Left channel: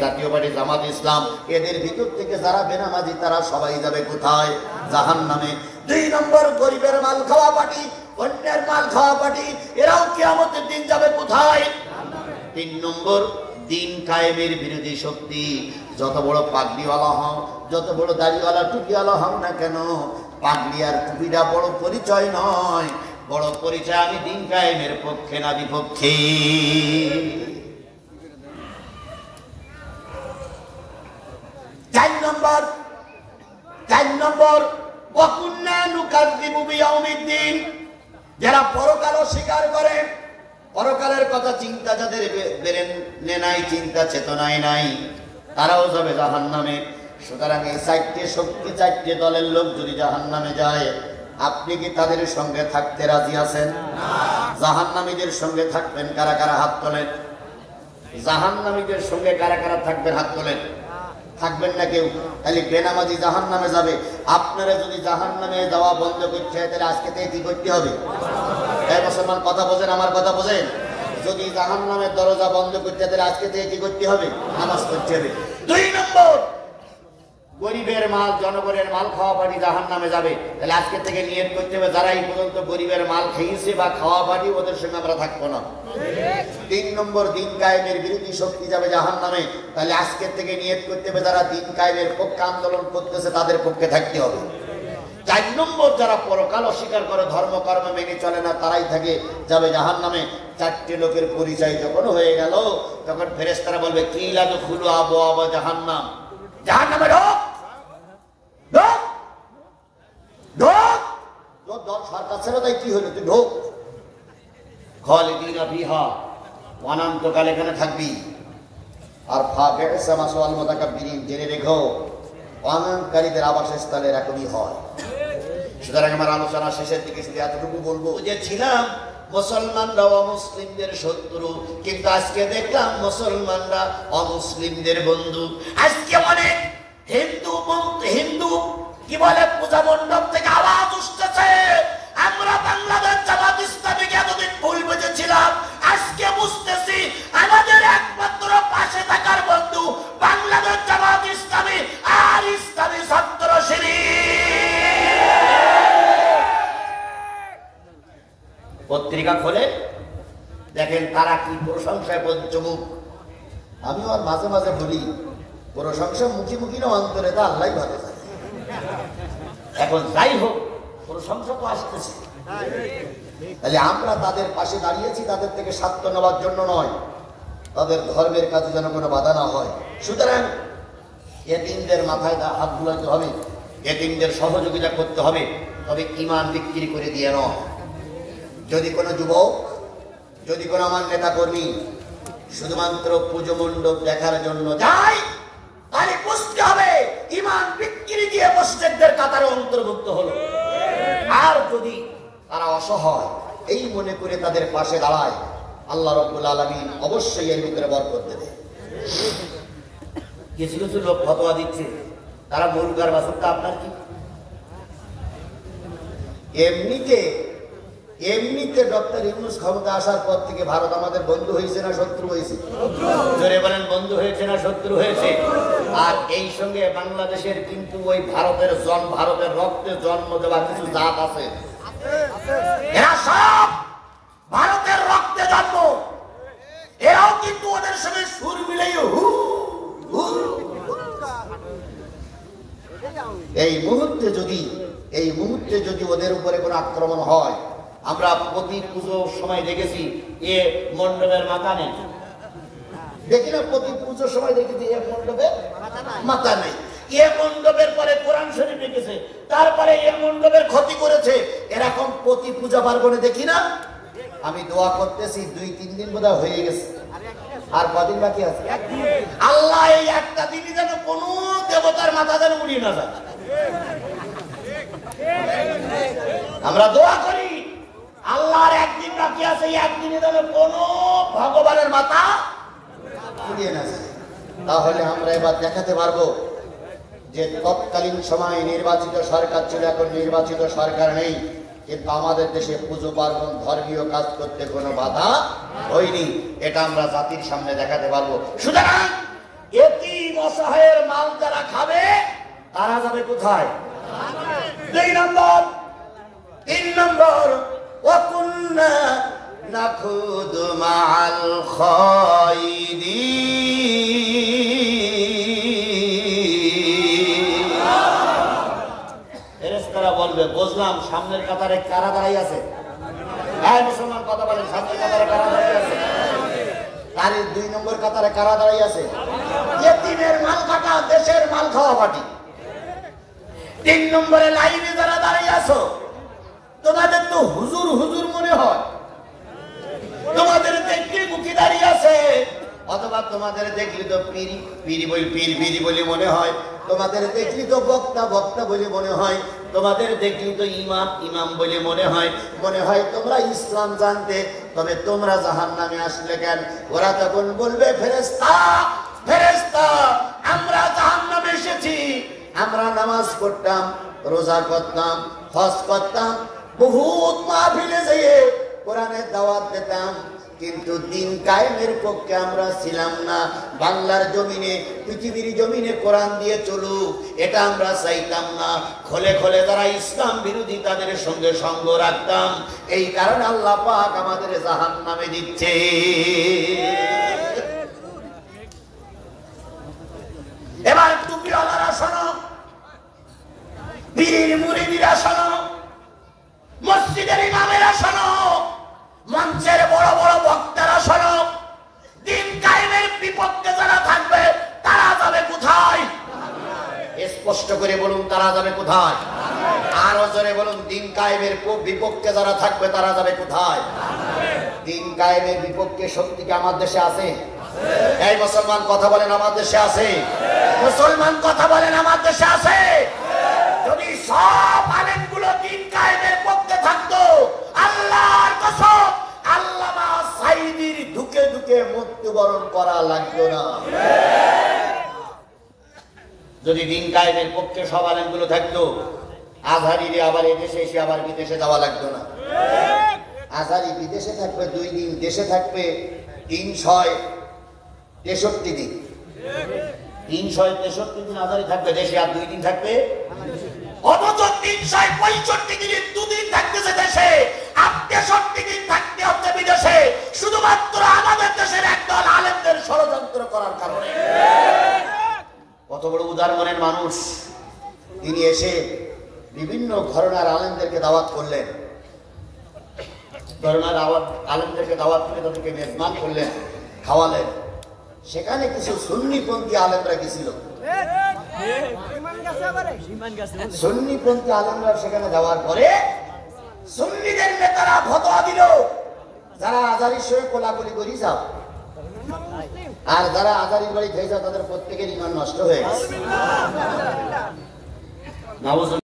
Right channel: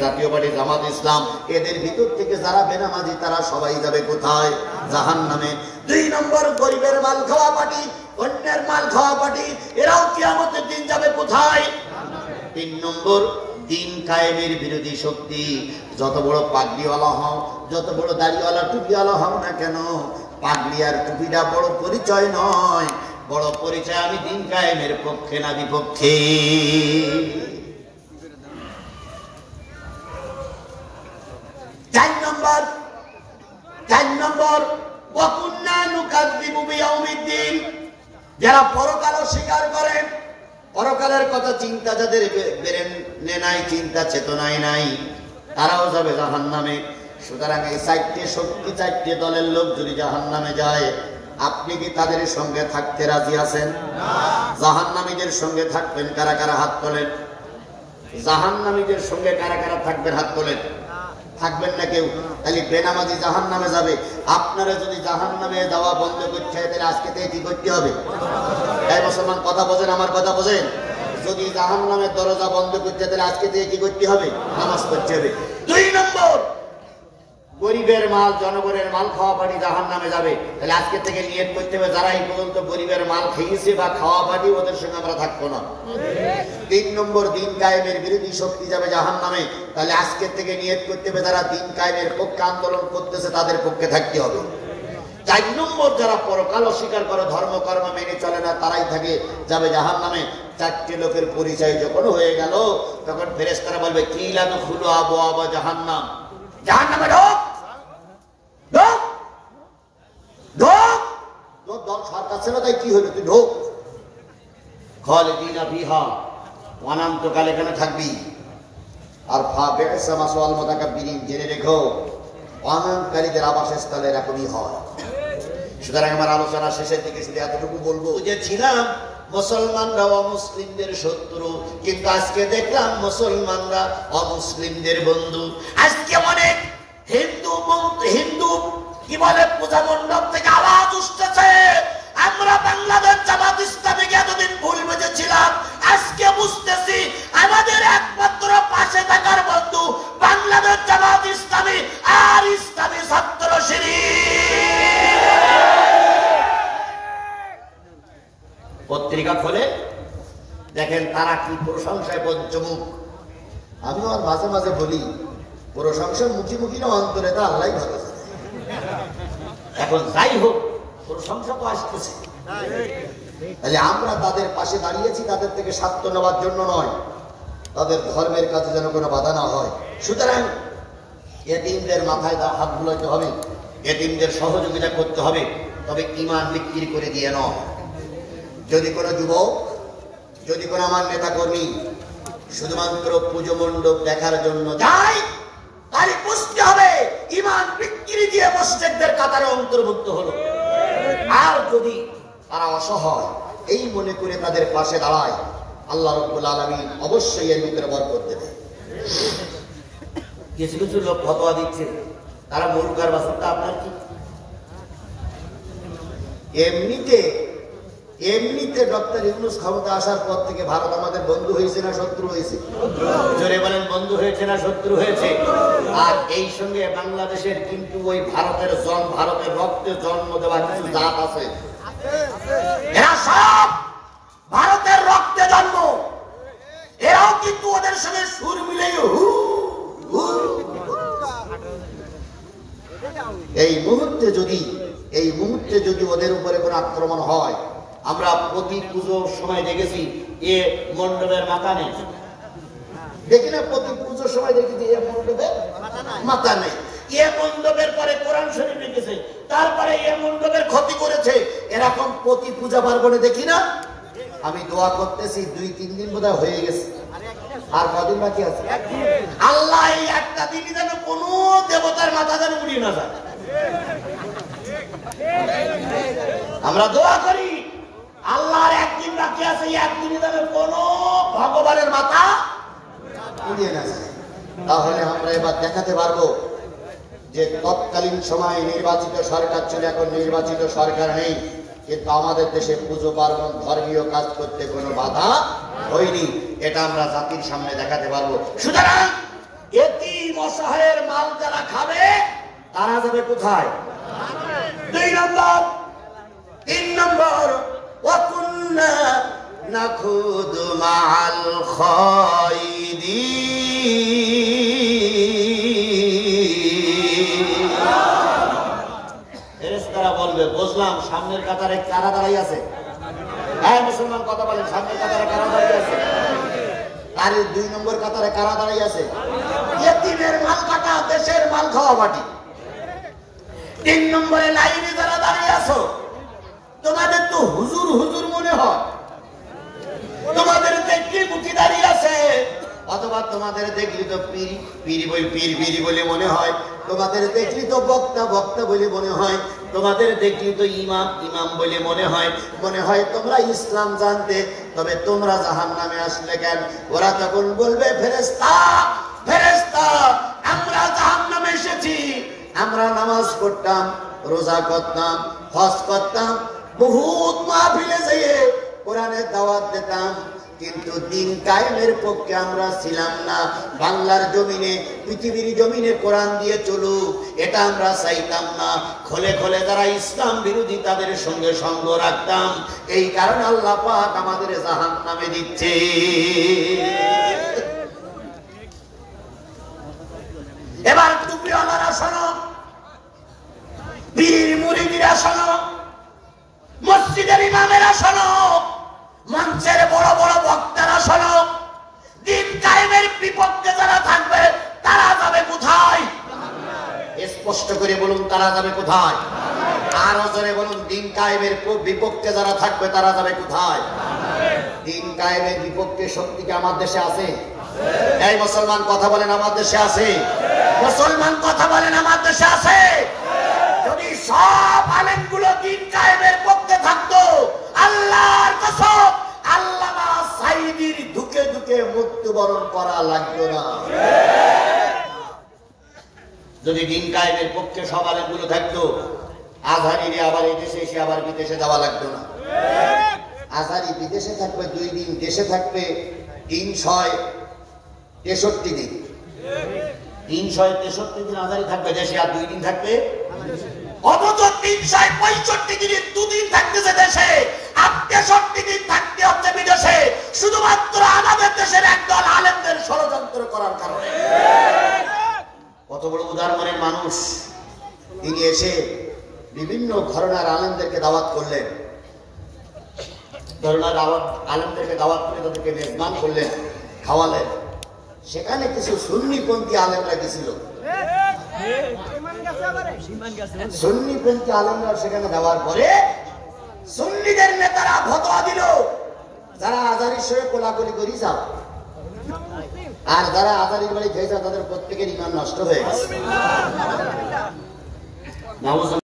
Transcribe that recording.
জাতীয় পার্টি, জামাত ইসলাম, এদের ভিতর থেকে যারা বেনামাজি তারা সবাই যাবে কোথায়? জাহান্নামে। 2 নম্বর গরিবের মাল খাওয়া পার্টি, অন্যের মাল খাওয়া পার্টি, এরাও কিয়ামতের দিন যাবে কোথায়? 3 নম্বর দিন কায়েমের বিরোধী শক্তি। যত বড় পাগড়িওয়ালা হও, যত বড় দাড়িওয়ালা টুপিওয়ালা হও না কেন, পাগড়ি আর টুপিটা বড় পরিচয় নয়। বড় পরিচয় আমি দিন কায়েমের পক্ষে না বিপক্ষে। 4 নম্বর ওয়াকুন্না নুকাযযিবু বিয়াউমিদ্দিন, যারা পরকাল অস্বীকার করে, পরকালের কথা চিন্তা যাদের ব্রেনে নাই, চিন্তা চেতনায় নাই, তারাও যাবে জাহান্নামে। সুতরাং এই 4টে শক্তি, 4টে দলের লোক যদি জাহান্নামে যায়, আপনি কি তাদের সঙ্গে থাকতে রাজি আছেন? জাহান্নামীদের সঙ্গে থাকবেন কারা কারা? হাত তোলেন। জাহান্নামীদের সঙ্গে কারা কারা থাকবেন? হাত তোলেন। থাকবেন না কেউ? তাহলে বেনামাজি জাহান্নামে যাবে। আপনারা যদি জাহান্নামে যাওয়া বন্ধ করতে হয়, তাহলে আজকে থেকে কি করতে হবে? এই মুসলমান কথা বোঝেন, আমার কথা বোঝেন। যদি জাহান্নামের দরজা বন্ধ করতে হয়, তাহলে আজকে থেকে কি করতে হবে? নামাজ পড়তে হবে। 2 নম্বর গরিবের মাল, জনগণের মাল খাওয়া পার্টি জাহান্নামে যাবে। তাহলে আজকে থেকে নিয়ত করতে হবে, যারা এই পর্যন্ত গরিবের মাল খেয়েছে বা খাওয়া পার্টি, ওদের সঙ্গে আমরা থাকবো না। 3 নম্বর দিন কায়েমের বিরোধী শক্তি যাবে জাহান্নামে। তাহলে আজকে থেকে নিয়ত করতে হবে, যারা দিন কায়েমের পক্ষে আন্দোলন করতেছে তাদের পক্ষে থাকতে হবে। 4 নম্বর যারা পরকাল অস্বীকার করে, ধর্ম কর্ম মেনে চলে না, তারাই থাকে যাবে জাহান্নামে। 4টে লোকের পরিচয় যখন হয়ে গেল, তখন ফেরেশতারা বলবে কিলা দুখুলু আবওয়াবা জাহান্নাম, জাহান্নামে ঢোক, ঢোক, ঢোক। তোর দল সরকার ছিল, তাই কি হলো? তুই ঢোক। খালিদিনা ফিহা, অনন্তকাল এখানে থাকবি। আর ফাবি'সা মাসওয়াল মুতাকাব্বিরিন, জেনে রেখো অহংকারীদের আবাসস্থল এরকমই হয়। সুতরাং আমার আলোচনা শেষের দিকে শুধু এতটুকু বলবো যে ছিলাম মুসলমানরা অমুসলিমদের শত্রু, কিন্তু আজকে দেখলাম মুসলমানরা অমুসলিমদের বন্ধু। আজকে অনেক হিন্দু কি বলে পূজা মণ্ডপ থেকে আওয়াজ উঠতেছে, আমরা বাংলাদেশ জামাত ইসলামীকে এতদিন ভুল বুঝেছিলাম, আজকে বুঝতেছি আমাদের একমাত্র পাশে থাকার বন্ধু বাংলাদেশ জামাত ইসলামী আর ইসলামী ছাত্র শিবির। পত্রিকা খোলে দেখেন তারা কি প্রশংসায় পঞ্চমুখ। আমি আর মাঝে মাঝে বলি, প্রশংসা মুখী মুখী না, অন্তরে তা আল্লাহ ভালো জানে। এখন যাই হোক, প্রশংসা তো আসতেছে। তাহলে আমরা তাদের পাশে দাঁড়িয়েছি, তাদের থেকে স্বার্থ নেওয়ার জন্য নয়, তাদের ধর্মের কাছে যেন কোনো বাধা না হয়। সুতরাং এতিমদের মাথায় হাত বুলাতে হবে, এতিমদের সহযোগিতা করতে হবে, তবে ঈমান বিক্রি করে দিয়ে নয়। যদি কোনো যুবক, যদি কোনো আমার নেতা কর্মী শুধুমাত্র পুজো মণ্ডপ দেখার জন্য যায়, তাহলে বুঝতে হবে ঈমান বিক্রি দিয়ে মুশরিকদের কাতারে অন্তর্ভুক্ত হলো। আর যদি তারা অসহায় এই মনে করে তাদের পাশে দাঁড়ায়, আল্লাহ রাব্বুল আলামিন অবশ্যই এর ভিতরে বরকত দেবে। কিছু কিছু লোক ফতোয়া দিচ্ছে, তারা মুরগার বাসনটা আপনার কি? এমনিতে ডক্টর ইউনূস ক্ষমতা আসার পর থেকে ভারত আমাদের বন্ধু হয়েছে না শত্রু হয়েছে? জোরে বলেন, বন্ধু হয়েছে না শত্রু হয়েছে? আর এই সঙ্গে বাংলাদেশের কিন্তু ওই ভারতের রক্তে জন্ম দেওয়া কিছু জাত আছে, এরা সব ভারতের রক্তে জন্ম, এরাও কিন্তু ওদের সঙ্গে সুর মিলাই এই মুহূর্তে যদি ওদের উপরে কোনো আক্রমণ হয়, আমরা প্রতি পুজোর সময় দেখেছি এ মণ্ডপের মাথা নেই, দেখি না? প্রতি পুজোর সময় দেখেছি এ মণ্ডপের মাথা নেই। এ মণ্ডপের পরে কোরআন শরীফ রেখেছে, তারপরে এ মণ্ডপের ক্ষতি করেছে, এরকম প্রতি পূজা পার্বণে দেখি না? আমি দোয়া করতেছি 2-3 দিন বোধহয় হয়ে গেছে, আর কদিন বাকি আছে? আল্লাহ এই একটা দিনই যেন কোনো দেবতার মাথা যেন উড়িয়ে না যায়। আমরা দোয়া করি আল্লাহর একদিন বাকি আছে, একদিনে যেন কোনো ভগবানের মাথা উড়িয়ে না যায়। তাহলে আমরা এবার দেখাতে পারবো যে তৎকালীন সময়ে নির্বাচিত সরকার ছিল, এখন নির্বাচিত সরকার নেই, কিন্তু আমাদের দেশে পুজো পার্বণ ধর্মীয় কাজ করতে কোনো বাধা হয়নি। এটা আমরা জাতির সামনে দেখাতে পারবো। সুতরাং এ অসহায়ের মাল যারা খাবে তারা যাবে কোথায়? 2 নম্বর। 3 নম্বর, ওয়াকুন্না নাখুদু মাআল খায়দিন। ফেরেশতারা বলবে, বুঝলাম সামনের কাতারে কারা দাঁড়িয়ে আছে? হ্যাঁ মুসলমান কথা বলেন, সামনের কাতারে কারা দাঁড়িয়ে আছে? আর 2 নম্বর কাতারে কারা দাঁড়িয়ে আছে? ইয়েতিমের মাল কাটা, দেশের মাল খাওয়া পার্টি। 3 নম্বরে লাইনে যারা দাঁড়িয়ে আছো, তোমাদের তো হুজুর হুজুর মনে হয়, তোমাদের দেখলি মুখি দাঁড়িয়ে আছে, অথবা তোমাদের দেখলি তো পীর বলে মনে হয়, তোমাদের দেখলি তো বক্তা বক্তা বলে মনে হয়, তোমাদের দেখলি তো ইমাম ইমাম বলে মনে হয় তোমরা ইসলাম জানতে, তবে তোমরা জাহান্নামে আসলে কেন? ওরা তখন বলবে, ফেরেশতা ফেরেশতা, আমরা জাহান্নামে এসেছি, আমরা নামাজ পড়তাম, রোজা করতাম, হজ করতাম, বহুত মাহফিলে যেয়ে কোরআনের দাওয়াত দিতাম, কিন্তু দিন কায়েমের পক্ষে আমরা ছিলাম না। বাংলার জমিনে, পৃথিবীর জমিনে কোরআন দিয়ে চলুক, এটা আমরা চাইতাম না। খোলে খোলে যারা ইসলাম বিরোধী তাদের সঙ্গে সঙ্গ রাখতাম, এই কারণে আল্লাহ পাক আমাদের জাহান্নামে দিচ্ছে। এবার টুপিওয়ালারা শোনো, পীর মুরিদিরা শোনো, মসজিদের ইমামেরা শোনো, মঞ্চের বড় বড় বক্তারা শোনো, দিন কায়েমের বিপক্ষে যারা থাকবে তারা যাবে কোথায়? স্পষ্ট করে বলুন, তারা যাবে কোথায়? আরো জোরে বলুন, দিন কায়েমের বিপক্ষে যারা থাকবে তারা যাবে কোথায়? দিন কায়েমের বিপক্ষে শক্তি কি আমার দেশে আছে? এই মুসলমান কথা বলেন, আমার দেশে আছে? মুসলমান কথা বলেন, আমার দেশে আছে? যদি সব আলেমগুলো দিন কায়েমের পক্ষে থাকতো, আল্লাহর কসম আল্লামা সাঈদীর ধুকে ধুকে মৃত্যুবরণ করা লাগতো না। যদি দিন কায়েমের পক্ষে সব আলেমগুলো থাকতো, আজহারীরে আবার এই দেশে এসে আবার বিদেশে যাওয়া লাগতো না। আজহারী বিদেশে থাকবে 2 দিন, দেশে থাকবে 363 দিন। 363 দিন আজহারী থাকবে দেশে, আর 2 দিন থাকবে। অথচ 365 দিনের 2 দিন থাকতেছে দেশে, আর 63 দিন থাকতে হচ্ছে বিদেশে, শুধুমাত্র আমাদের দেশের একদল আলেমদের ষড়যন্ত্র করার কারণে। কত বড় উদার মনের মানুষ! তিনি এসে বিভিন্ন ঘরানার আলেমদেরকে দাওয়াত করলেন, ঘরানার আলেমদেরকে দাওয়াত করে তাদেরকে মেজবান করলেন, খাওয়ালেন। সেখানে কিছু সুন্নিপন্থী আলেমরা গেছিল, সুন্নিপন্থী আলেমরা সেখানে যাওয়ার পরে সুন্নিদের নেতারা ফতোয়া দিল, যারা আজহারীর সঙ্গে কোলাকুলি করি যাও, আর যারা আজহারীর বাড়ি খেয়ে যাও, তাদের প্রত্যেকের ঈমান নষ্ট হয়ে গেছে।